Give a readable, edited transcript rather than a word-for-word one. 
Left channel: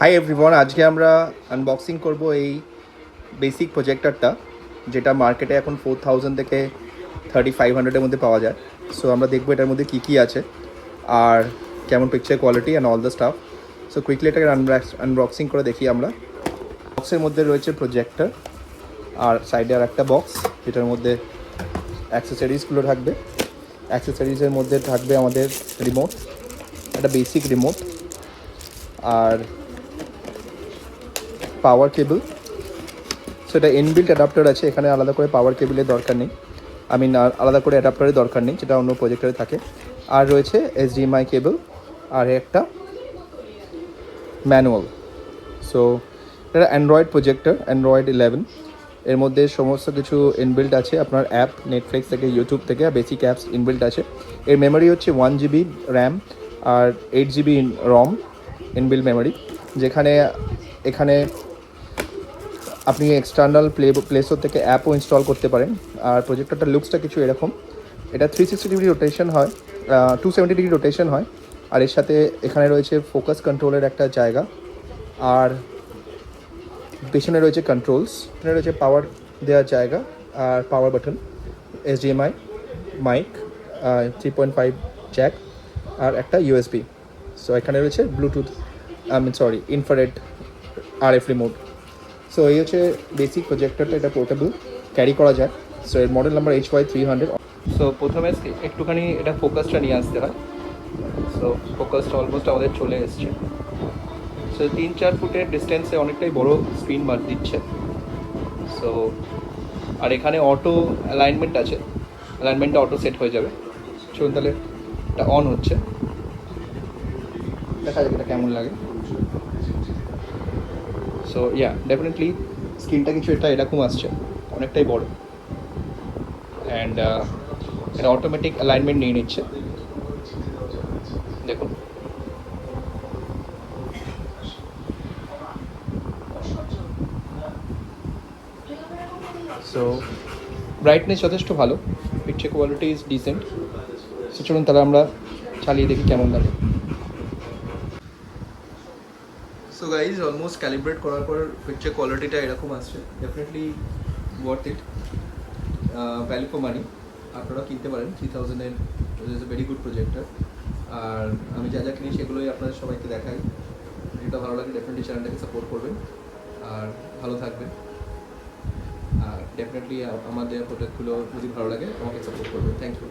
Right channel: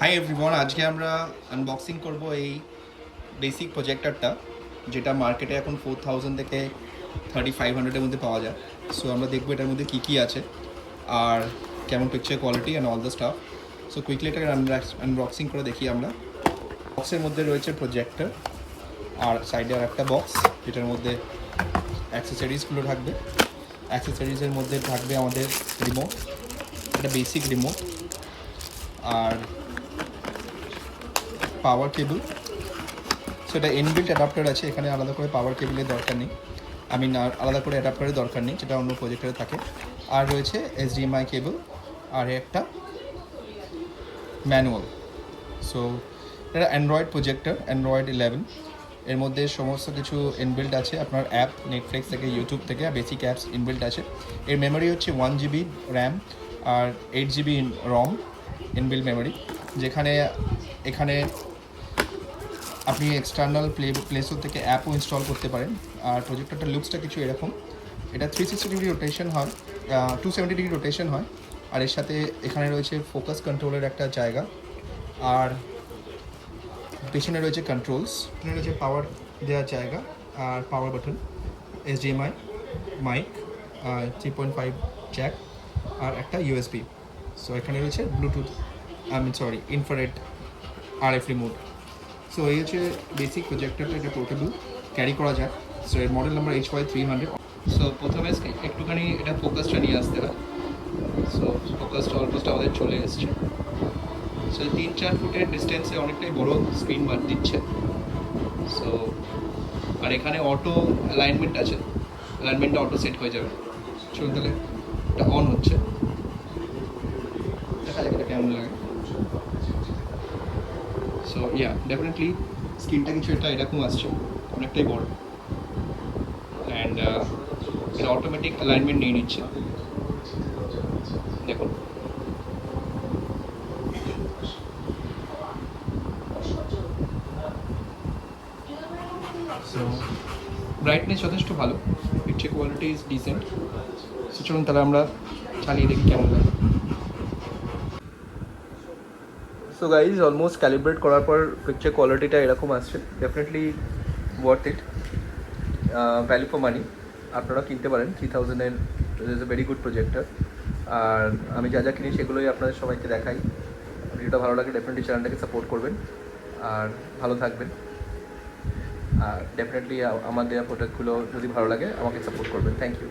Hi everyone, আজকে আমরা unboxing করব এই বেসিক প্রজেক্টরটা, যেটা মার্কেটে এখন 4000 থেকে 3500-এর মধ্যে পাওয়া যায়। সো আমরা দেখবো এটার মধ্যে কী কী আছে আর কেমন picture quality and all the staff. So quickly এটাকে আনবক্সিং করে দেখি আমরা। বক্সের মধ্যে রয়েছে প্রজেক্টর আর সাইডে আর একটা বক্স, যেটার মধ্যে অ্যাক্সেসরিজগুলো থাকবে। অ্যাক্সেসরিজের মধ্যে থাকবে আমাদের রিমোট, একটা বেসিক রিমোট, আর পাওয়ার কেবল। সো এটা ইনবিল্ট অ্যাডাপ্টার আছে, এখানে আলাদা করে পাওয়ার কেবলের দরকার নেই, আলাদা করে অ্যাডাপ্টারের দরকার নেই, যেটা অন্য প্রজেক্টরে থাকে। আর রয়েছে HDMI কেবল আর একটা ম্যানুয়াল। সো এটা অ্যান্ড্রয়েড প্রজেক্টর, অ্যান্ড্রয়েড 11। এর মধ্যে সমস্ত কিছু ইনবিল্ট আছে, আপনার অ্যাপ নেটফ্লিক্স থেকে, ইউটিউব থেকে বেসিক অ্যাপস ইনবিল্ট আছে। এর মেমোরি হচ্ছে 1GB র্যাম আর 8GB রম ইনবিল্ট মেমোরি, যেখানে এখানে আপনি এক্সটার্নাল প্লে স্টোর থেকে অ্যাপও ইনস্টল করতে পারেন। আর প্রজেক্টরটার লুকসটা কিছু এরকম। এটা 360 ডিগ্রি রোটেশন হয়, 270 ডিগ্রি রোটেশন হয়। আর এর সাথে এখানে রয়েছে ফোকাস কন্ট্রোলের একটা জায়গা, আর পেছনে রয়েছে কন্ট্রোলস, এখানে রয়েছে পাওয়ার দেওয়ার জায়গা আর power button, HDMI mic, 3.5 jack আর একটা USB। সো এখানে রয়েছে bluetooth, infrared RF remote. So এই হচ্ছে বেসিক প্রজেক্টরটা, এটা পোর্টেবল, ক্যারি করা যায়। সো এর মডেল নাম্বার HY300। সো প্রথমে একটুখানি এটা ফোকাসটা নিয়ে আসতে হয়। সো ফোকাসটা অলমোস্ট আমাদের চলে এসছে। সো 3-4 ফুটের ডিস্টেন্সে অনেকটাই বড় স্ক্রিন দিচ্ছে। সো আর এখানে অটো অ্যালাইনমেন্ট আছে, অ্যালাইনমেন্টটা অটো সেট হয়ে যাবে। চলুন তাহলে এটা অন হচ্ছে, দেখা যাক এটা কেমন লাগে। সো ডেফিনেটলি স্ক্রিনটা কিছু এরকম আসছে, অনেকটাই বড়। অ্যান্ড এটা অটোমেটিক অ্যালাইনমেন্ট নিয়ে নিচ্ছে, দেখুন। সো ব্রাইটনেস যথেষ্ট ভালো, picture quality is dissent. So চলুন তাহলে আমরা চালিয়ে দেখি কেমন লাগে। সো গাইজ, অলমোস্ট ক্যালিব্রেট করার পর পিকচার কোয়ালিটিটা এরকম আসছে, definitely worth it, value for money. আপনারা কিনতে পারেন 3000-এর, is a very good projector. আর আমি যা যা কিনি সেগুলোই আপনাদের সবাইকে দেখাই। ভিডিওটা ভালো লাগে ডেফিনেটলি চ্যানেলটাকে সাপোর্ট করবেন আর ভালো থাকবেন। আর ডেফিনেটলি আমার দেওয়া প্রোডাক্টগুলো যদি ভালো লাগে আমাকে সাপোর্ট করবেন। Thank you.